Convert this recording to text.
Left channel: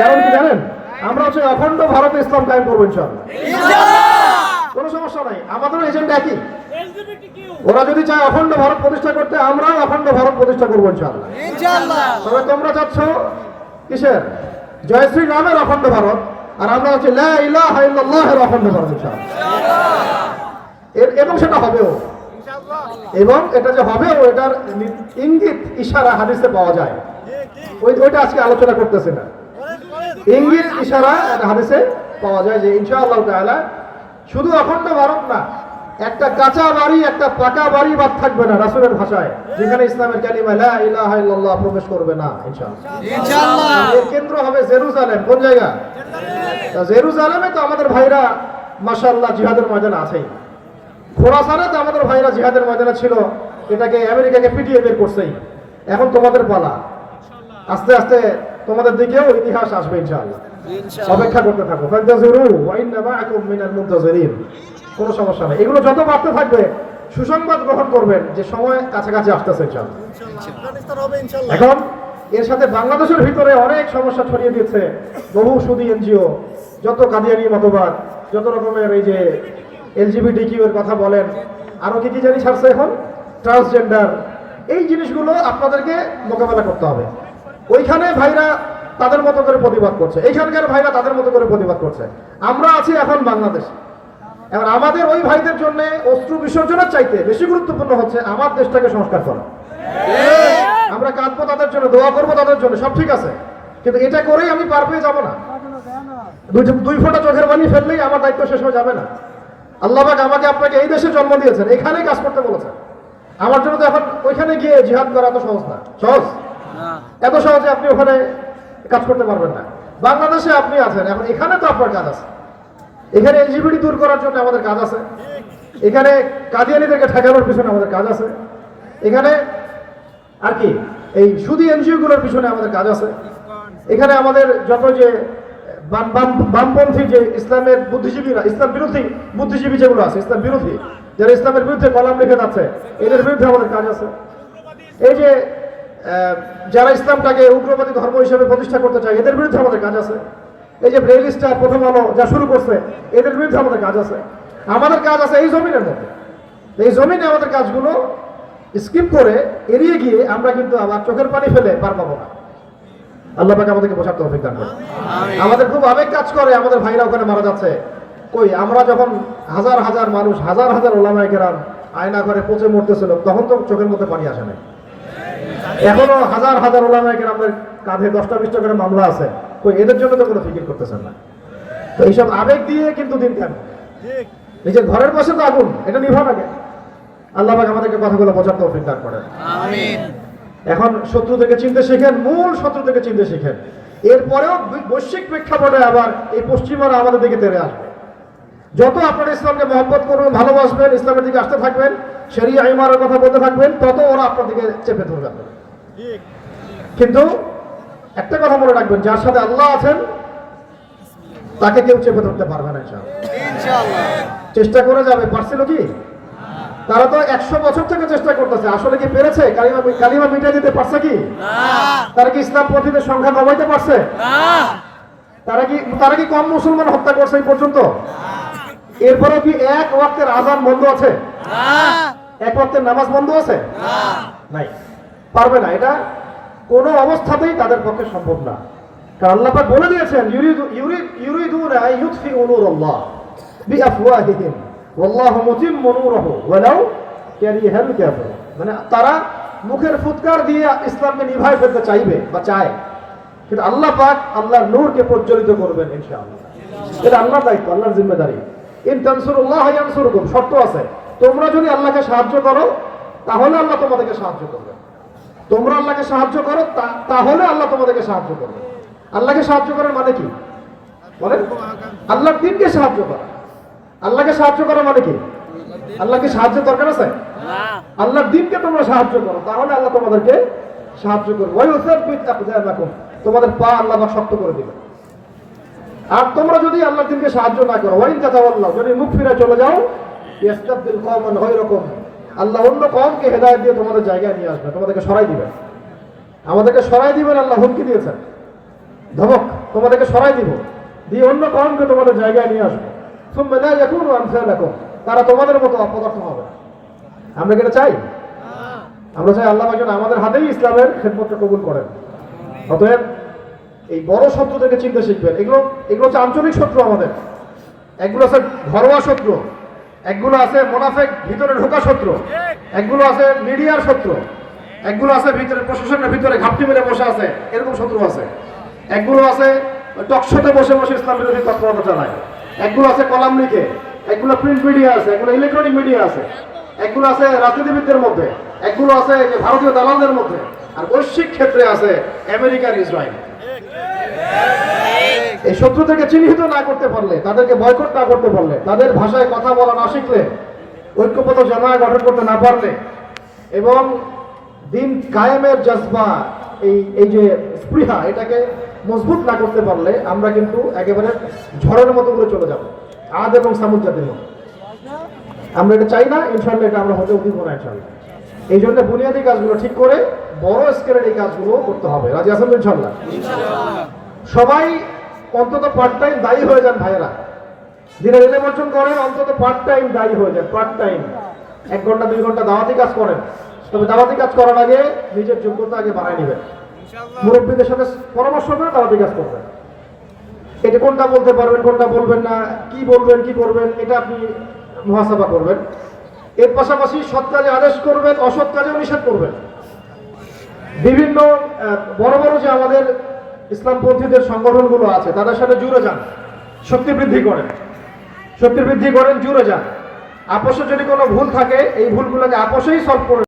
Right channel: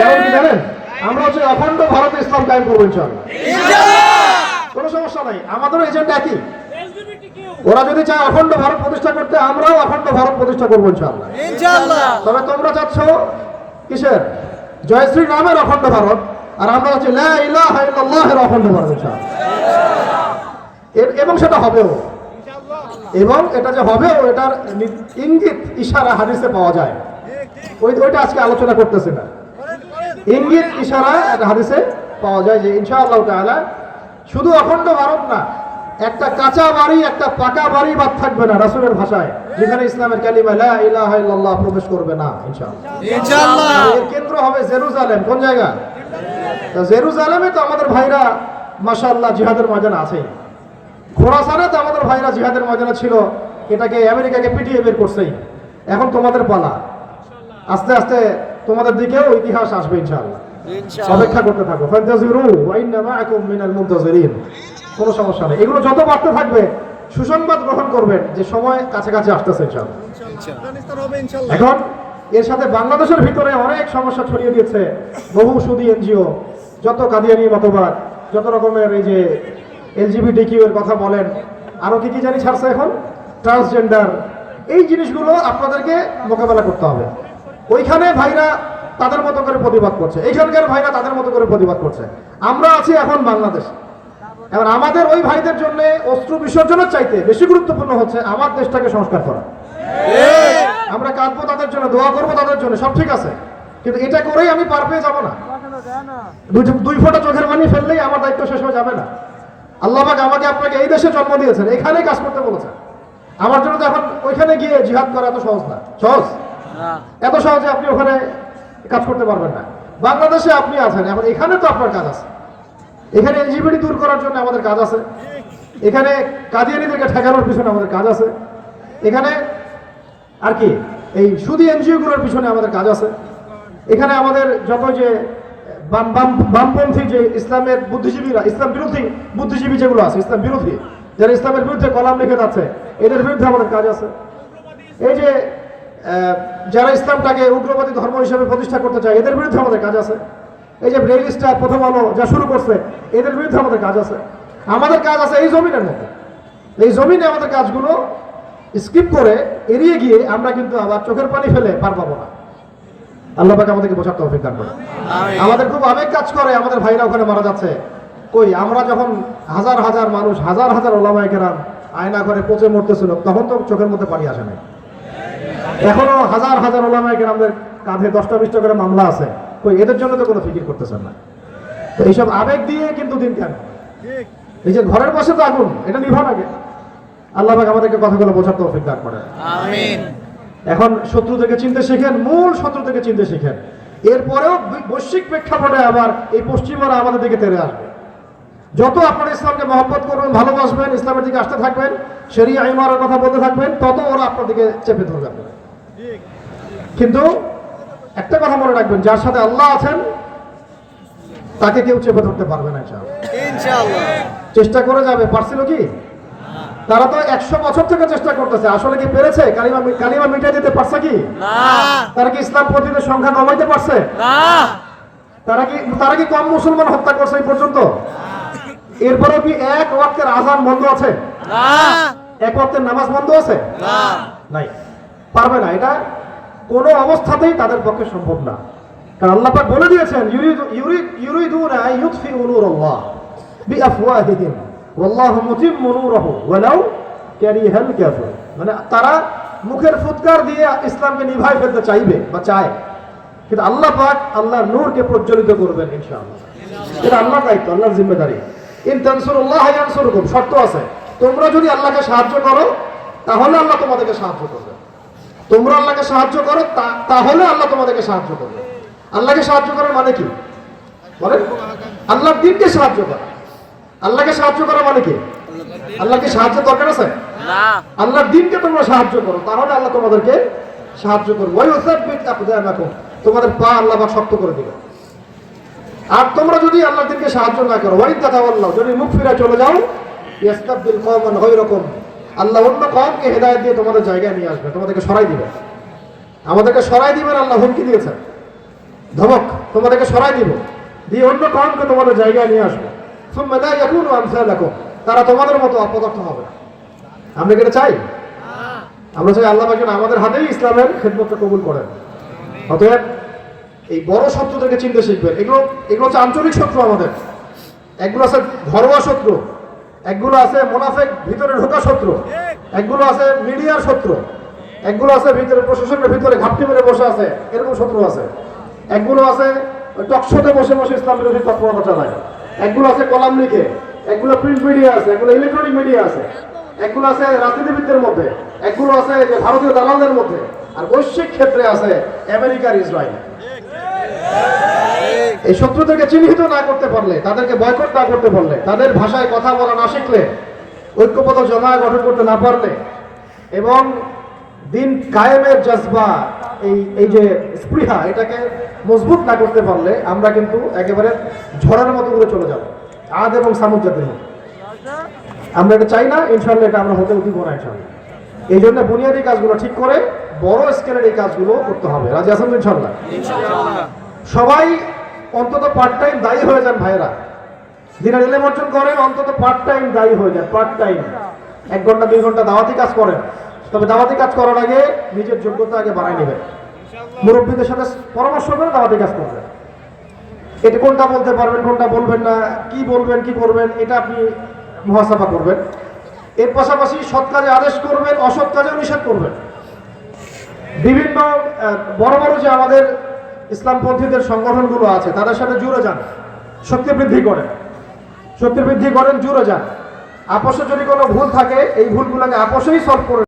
কারণ কি জানেন? আমরা হচ্ছে অখণ্ড ভারতে ইসলাম কায়েম করব ইনশাআল্লাহ। কোনো সমস্যা নাই আমাদেরও এজেন্ট একই। ওরা যদি চায় অখণ্ড ভারত প্রতিষ্ঠা করতে আমরাও অখণ্ড ভারত প্রতিষ্ঠা করব ইনশাআল্লাহ। তবে তোমরা চাচ্ছ কিসের? জয় শ্রী রামের অখণ্ড ভারত আর আমরা হচ্ছে লা ইলাহা ইল্লাল্লাহের অখণ্ড ভারত এবং সেটা হবেও। এবং এটা যে হবেও এটার ইঙ্গিত ইশারা হাদিসে পাওয়া যায়। ওই ওইটা আজকে আলোচনা করতেছে না। ইঙ্গিত ইশারা হাদিসে পাওয়া যায় যে ইনশাআল্লাহ তাআলা শুধু অখণ্ড ভারত না একটা কাঁচা বাড়ি একটা পাকা বাড়ি বাদ থাকবে না রাসূলের ভাষায়। যেখানে ইসলামের কালিমা লা ইলাহা ইল্লাল্লাহ প্রবেশ করবে না ইনশাআল্লাহ। ইনশাআল্লাহ। এর কেন্দ্র হবে জেরুজালেম। কোন জায়গা? জেরুজালেমে তো আমাদের ভাইরা মাশাআল্লাহ জিহাদের ময়দানে আছেই। খোরাসানে তো আমাদের ভাইরা জিহাদের ময়দানে ছিল এটাকে আমেরিকাকে পিটিয়ে বের করছেই। এখন তোমাদের পালা। আস্তে আস্তে তোমাদের দিকেও ইতিহাস আসবে ইনশাআল্লাহ। অপেক্ষা করতে থাকো। কোনো সমস্যা নেই। এগুলো যত বাড়তে থাকবে সুসংবাদ গ্রহণ করবেন যে সময় কাছাকাছি আসতেছে ইনশাআল্লাহ। এখন এর সাথে বাংলাদেশের ভিতরে অনেক সমস্যা ছড়িয়ে দিয়েছে। বহু সুদী এনজিও যত কাদিয়ানি মতবাদ যত রকমের এই যে এলজিবিটি কিউ এর কথা বলেন আরও কি কি জানি ছাড়ছে এখন? ট্রান্সজেন্ডার। এই জিনিসগুলো আপনাদেরকে মোকাবেলা করতে হবে। ওইখানে ভাইরা তাদের মতো করে প্রতিবাদ করছে। এইখানকার ভাইরা তাদের মতো করে প্রতিবাদ করছে। আমরা আছি এখন বাংলাদেশ। এবার আমাদের ওই ভাইদের জন্য অস্ত্র বিসর্জনের চাইতে বেশি গুরুত্বপূর্ণ হচ্ছে আমার দেশটাকে সংস্কার করা। আমরা কাঁদবো তাদের জন্য, দোয়া করব তাদের জন্য, সব ঠিক আছে। কিন্তু এটা করেই আমি পার পেয়ে যাব না। দুই ফোঁটা চোখের পানি ফেললেই আমার দায়িত্ব শেষ হয়ে যাবে না। আল্লাহ পাক আমাকে আপনাকে এই দেশে জন্ম দিয়েছেন এখানে কাজ করতে বলেছেন। আমার জন্য তো এখন ওইখানে গিয়ে জিহাদ করা এত সহজ না। সহজ। এত সহজে আপনি ওখানে কাজ করতে পারবেন না। বাংলাদেশে আপনি আছেন, এখন এখানে তো আপনার কাজ আছে। এখানে এলজিবিটি দূর করার জন্য আমাদের কাজ আছে। এখানে কাদিয়ানিদেরকে ঠেকানোর পিছনে আমাদের কাজ আছে। এখানে আর কি, এই সুদী এনজিওগুলোর পিছনে আমাদের কাজ আছে। এখানে আমাদের যত যে বাম বাম, বামপন্থী যে ইসলামের বুদ্ধিজীবীরা, ইসলাম বিরোধী বুদ্ধিজীবী যেগুলো আছে, ইসলাম বিরোধী, যারা ইসলামের বিরুদ্ধে কলাম লিখে যাচ্ছে, এদের বিরুদ্ধে আমাদের কাজ আছে। এই যে যারা ইসলামটাকে উগ্রবাদী ধর্ম হিসেবে প্রতিষ্ঠা করতে চায় এদের বিরুদ্ধে আমাদের কাজ আছে। এই যে স্টার প্রথম আলো যা শুরু করছে এদের বিরুদ্ধে আমাদের কাজ আছে। আমাদের কাজ আছে এই জমিনের মধ্যে। এই জমিনে আমাদের কাজগুলো স্কিপ করে এড়িয়ে গিয়ে আমরা কিন্তু আবার চোখের পানি ফেলে পার পাবো না। আল্লাহ পাক আমাদেরকে বোঝাতে অভিজ্ঞান করে আমাদের খুব আবেগ কাজ করে আমাদের ভাইরা ওখানে মারা যাচ্ছে। ওই আমরা যখন হাজার হাজার মানুষ হাজার হাজার ওলামায় গেরাম আয়না করে পচে মরতেছিল তখন তো চোখের মধ্যে পানি আসে নাই। এখনও হাজার হাজার ওলামায় গেরামদের কাঁধে দশটা বিশটা করে মামলা আছে। এদের জন্য তো কোনো ফিকির করতেছেন না। তো এইসব আবেগ দিয়ে কিন্তু দিন কেন? এই যে ঘরের পাশে তো আগুন এটা নিভা লাগে আল্লাহ পাক আমাদেরকে কথাগুলো বোঝার তৌফিক দান করে। এখন শত্রু থেকে চিনতে শেখেন মূল শত্রু থেকে চিনতে শেখেন। এরপরেও বৈশ্বিক প্রেক্ষাপটে আবার এই পশ্চিমরা আমাদের দিকে তেরে আসবে। যত আপনারা ইসলামকে মহব্বত করবেন ভালোবাসবেন ইসলামের দিকে আসতে থাকবেন শরিয়া ইমারের কথা বলতে থাকবেন তত ওরা আপনার দিকে চেপে ধরে যাবে। কিন্তু একটা কথা মনে রাখবেন যার সাথে আল্লাহ আছেন তাকে কেউ চেপে ধরতে পারবে না চেষ্টা করে যাবে পারছিল কি? তারা তো একশো বছর থেকে চেষ্টা করতেছে আসলে কি পেরেছে? কালিমা কালিমা মিটিয়ে দিতে পারছে কি? তারা কি ইসলাম পন্থীদের সংখ্যা কমাইতে পারছে? তারা কি তারা কি কম মুসলমান হত্যা করছে এই পর্যন্ত? এরপরেও কি এক ওয়াক্তের আজান বন্ধ আছে? এক ওয়াক্তের নামাজ বন্ধ আছে? না। নাই। পারবে না। এটা কোনো অবস্থাতেই তাদের পক্ষে সম্ভব না। কারণ আল্লাহ বলে দিয়েছেন মানে তারা মুখের ফুৎকার দিয়ে ইসলামকে নিভাই ফেলতে চাইবে বা চায়। কিন্তু আল্লাহ পাক আল্লাহর নূরকে প্রজ্বলিত করবেন ইনশাআল্লাহ। এটা আল্লাহর দায়িত্ব, আল্লাহর জিম্মেদারি। ইন তানসুরুল্লাহ শর্ত আছে, তোমরা যদি আল্লাহকে সাহায্য করো, তাহলে আল্লাহ তোমাদেরকে সাহায্য করবে। তোমরা আল্লাহকে সাহায্য করো তা- তাহলে আল্লাহ তোমাদেরকে সাহায্য করবে। আল্লাহকে সাহায্য করার মানে কি? বলেন। আল্লাহর দিনকে সাহায্য করা। আল্লাহকে সাহায্য করা মানে কি? আল্লাহকে সাহায্য দরকার আছে? আল্লাহর দিনকে তোমরা সাহায্য করো তাহলে আল্লাহ তোমাদেরকে সাহায্য করবে। ওই আকদামাকুম তোমাদের পা আল্লাহ বা শক্ত করে দিবে। আর তোমরা যদি আল্লাহর দিনকে সাহায্য না করো ওয়াইন তাতাওয়াল্লাহ যদি মুখ ফিরে চলে যাও ইয়াস্তাবদিল কওমান গায়রাকুম। আল্লাহ অন্য কমকে হেদায়েত দিয়ে তোমাদের জায়গায় নিয়ে আসবে, তোমাদেরকে সরাই দিবে। আমাদেরকে সরাই দিবেন, আল্লাহ হুমকি দিয়েছেন। ধমক, তোমাদেরকে সরাই দিব। দিয়ে অন্য কমকে তোমাদের জায়গায় নিয়ে আসব। সুম্মা লা ইয়াকুনু আমসালাকুম, তারা তোমাদের মতো অপদার্থ হবে আমরা কি চাই? আমরা চাই আল্লাহ যেন আমাদের হাতেই ইসলামের খেদমতটা কবুল করেন। অতএব এই বড় শত্রুদেরকে চিনতে শিখবেন। এগুলো এগুলো হচ্ছে আঞ্চলিক শত্রু আমাদের। একগুলো আছে ঘরোয়া শত্রু। একগুলো আছে মোনাফেক, ভিতরে ঢোকা শত্রু। একগুলো আছে মিডিয়ার শত্রু। একগুলো আছে ভিতরে প্রশাসনের ভিতরে ঘাপটি মেরে বসে আছে, এরকম শত্রু আছে। একগুলো আছে টকশোতে বসে বসে ইসলাম বিরোধী তৎপরতা চালায়। একগুলো আছে কলাম লিখে একগুলো প্রিন্ট মিডিয়া আছে, একগুলো ইলেকট্রনিক মিডিয়া আছে। একগুলো আছে রাজনীতিবিদদের মধ্যে। একগুলো আছে যে ভারতীয় দালালদের মধ্যে। আর বৈশ্বিক ক্ষেত্রে আছে আমেরিকার ইসরায়েল। এই শত্রুদেরকে চিহ্নিত না করতে পারলে তাদেরকে বয়কট না করতে পারলে তাদের ভাষায় কথা বলা না শিখলে ঐক্যবদ্ধ জামায় গঠন করতে না পারলে এবং দিন কায়েমের জজবা এই এই যে স্পৃহা এটাকে মজবুত না করতে পারলে আমরা কিন্তু একেবারে ঝড়ের মতো করে চলে যাব। আদ এবং সামুদ্রের মতো। আমরা এটা চাই না ইনশাল্লাহ এটা আমরা হতে দিব না ইনশাল্লাহ এই জন্য বুনিয়াদী কাজগুলো ঠিক করে বড় স্কেলের এই কাজগুলো করতে হবে। রাজি তো ইনশাল্লাহ সবাই অন্তত পার্ট টাইম দায়ী হয়ে যান ভাইরা যারা রেলে অর্জন করেন, অন্তত পার্ট টাইম দায়ী হয়ে যান পার্ট টাইম এক ঘণ্টা, দুই ঘণ্টা দাওয়াতি কাজ করেন। তবে দাওয়াতি কাজ করার আগে নিজের যোগ্যতা আগে বানিয়ে নেবেন। মুরব্বীদের সাথে পরামর্শ করে দাওয়াতি কাজ করবেন। এটা কোনটা বলতে পারবেন, কোনটা বলবেন না, কি বলবেন, কি করবেন, এটা আপনি মহাসভা করবেন। এর পাশাপাশি সৎ কাজে আদেশ করবেন, অসৎ কাজেও নিষেধ করবেন। বিভিন্ন বড় বড় যে আমাদের ইসলামপন্থীদের সংগঠনগুলো আছে, তাদের সাথে জুড়ে যান। শক্তি বৃদ্ধি করেন। শক্তি বৃদ্ধি করেন, জুড়ে যান। আপোষে যদি কোনো ভুল থাকে, এই ভুলগুলোকে আপোষেই সলভ করে